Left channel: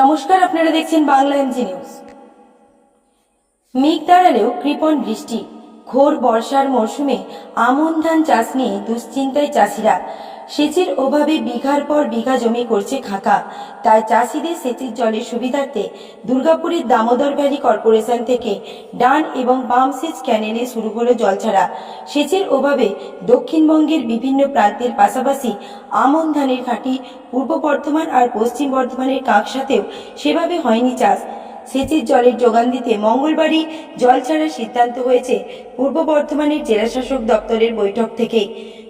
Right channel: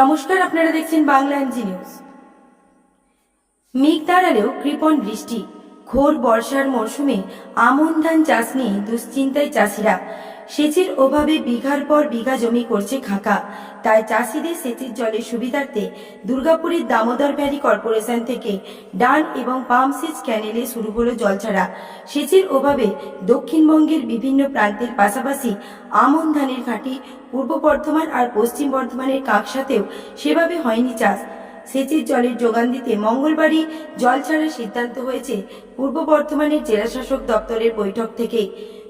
নমস্কার, আপনারা দেখছেন বাংলা এমজি নিউজ। মেঘ দাঁড়ালেও কৃপণ বৃষ্টি। ঘোর বর্ষার মরশুমে আমন ধান চাষ নিয়ে দুশ্চিন্তায় চাষিরা। সেচের অভাবে বিঘার পর বিঘা জমি করছে খাঁকা। তাই চাষিদের সেচের জলের সুবিধার্থে দুর্গাপুরের দামোদর ভ্যালি কর্পোরেশন থেকে ডান এবং বাম সেচ ক্যানেলে শুরু হলো জল ছাড়া সেচের অভাবে দক্ষিণবঙ্গের বিভিন্ন প্রান্তের পাশাপাশি আমন ধানের ঘাঁটি, পূর্ব বর্ধমান আর পশ্চিম বর্ধমানের কাকসাতেও সেভাবে হয়নি চাষ। সেচের জলের যোগান দিতে মঙ্গলবারই জল ছাড়ার সিদ্ধান্ত হয়েছে পূর্ব বর্ধমানের জেলাশাসক দপ্তরের বৈঠক থেকেই।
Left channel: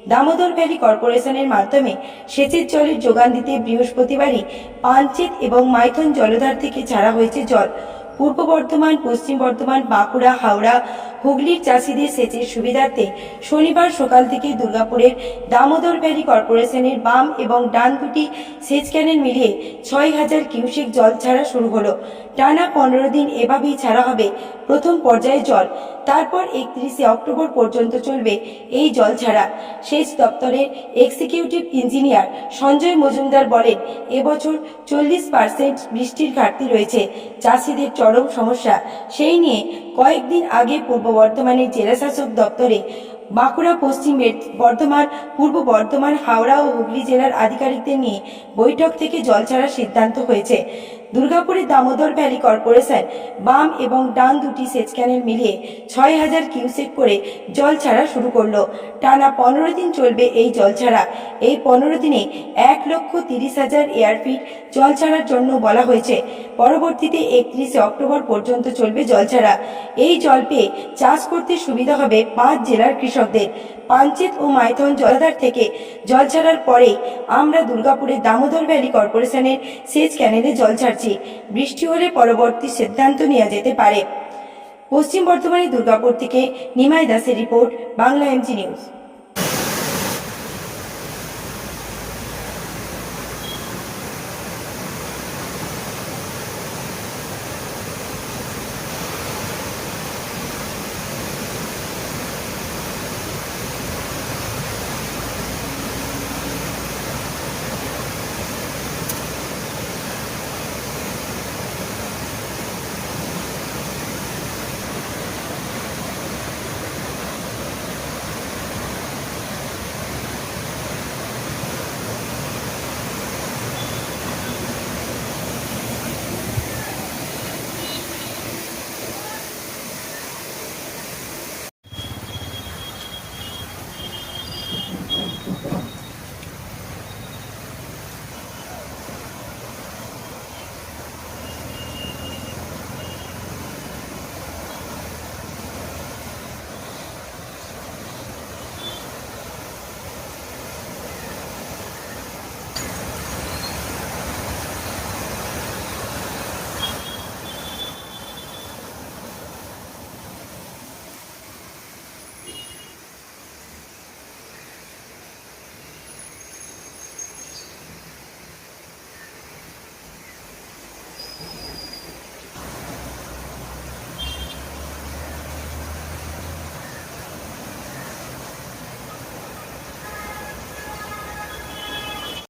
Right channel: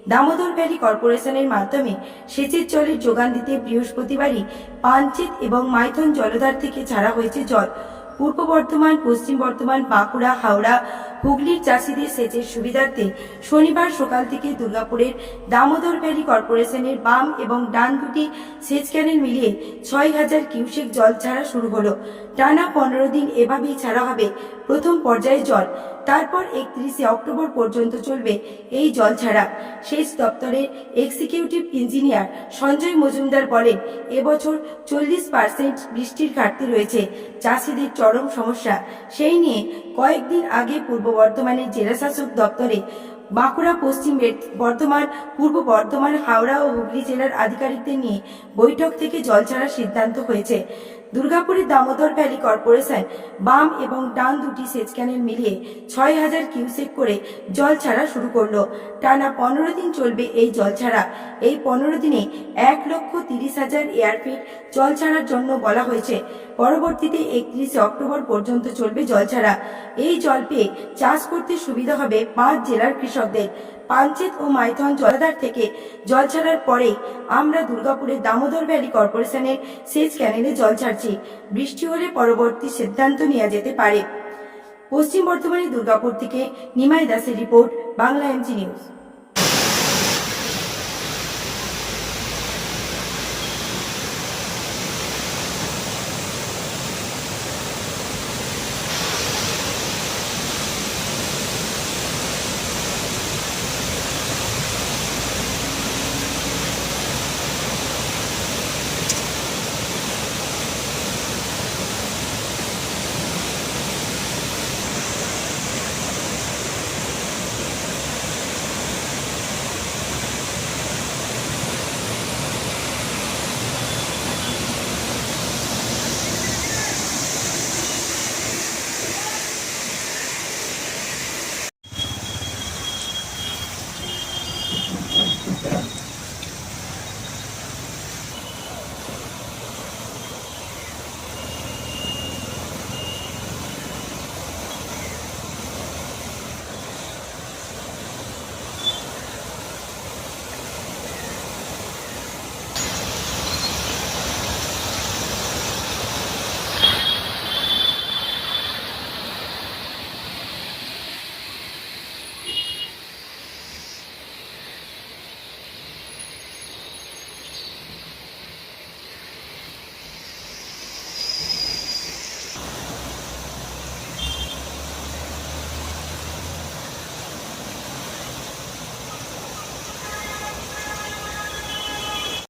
দামোদর ভ্যালি কর্পোরেশনের মাধ্যমে সেচের জলের যোগান দিতে বৃহস্পতিবারই পাঞ্চেত এবং মাইথন জলধার থেকে ছাড়া হয়েছে জল। পূর্ব বর্ধমান, পশ্চিম বর্ধমান, বাঁকুড়া, হাওড়া, হুগলির চাষিদের সেচের সুবিধার্থে শনিবার সকাল থেকে দুর্গাপুরের দামোদর ভ্যালি কর্পোরেশনের বাম এবং ডান দুটি সেচ ক্যানেল মিলিয়ে ছয় হাজার কিউসেক জল ছাড়া শুরু হলো। টানা পনেরো দিন এভাবেই ছাড়া হবে প্রথম পর্যায়ে জল। তারপর একত্রিশে অক্টোবর পর্যন্ত চলবে এই জল ছাড়া। সেচ দপ্তরের এক্সিকিউটিভ ইঞ্জিনিয়ার সঞ্জয় মজুমদার বলেন, এবছর চল্লিশ পার্সেন্ট বৃষ্টির ঘাটতি রয়েছে। চাষিদের চরম সমস্যা। সেই নিয়ে কয়েকদিন আগে পূর্ব বর্ধমানের জেলাশাসক দপ্তরে বাঁকুড়া পশ্চিম বর্ধমান, পূর্ব বর্ধমান, হাওড়া ও হুগলি জেলার আধিকারিকদের নিয়ে বৈঠক থেকে জল ছাড়ার সিদ্ধান্ত হয়েছে। দুর্গাপুরের দামোদর ভ্যালি কর্পোরেশন বাম এবং ডান দুটি সেচ ক্যানেল মিলিয়ে ছয় হাজার কিউসেক করে জল ছাড়া শুরু করল। টানা পনেরো দিন চলবে এই জল ছাড়া। এই পনেরো দিনে এক লক্ষ তিরিশ হাজার এয়ারফিট জল ছাড়ার জন্য বলা হয়েছে। পরবর্তীতে একত্রিশে অক্টোবর পর্যন্ত চলবে জল ছাড়া। এই জল পেয়ে চাষ করতে সুবিধা হবে পাঁচ জেলার কৃষকদের পাঞ্চেত ও মাইথন জলাধার থেকে জল ছাড়ার পরে আমরা দুর্গাপুরের দামোদর ভ্যালি কর্পোরেশনের সেচ ক্যানেলে জল ছাড়ছি। বৃষ্টি হলে পরবর্তী সিদ্ধান্ত নেওয়া যেতে পারে। পশ্চিম বর্ধমানের দুর্গাপুর থেকে নিমাই দাসের রিপোর্ট, বাংলা এমসি নিউজ।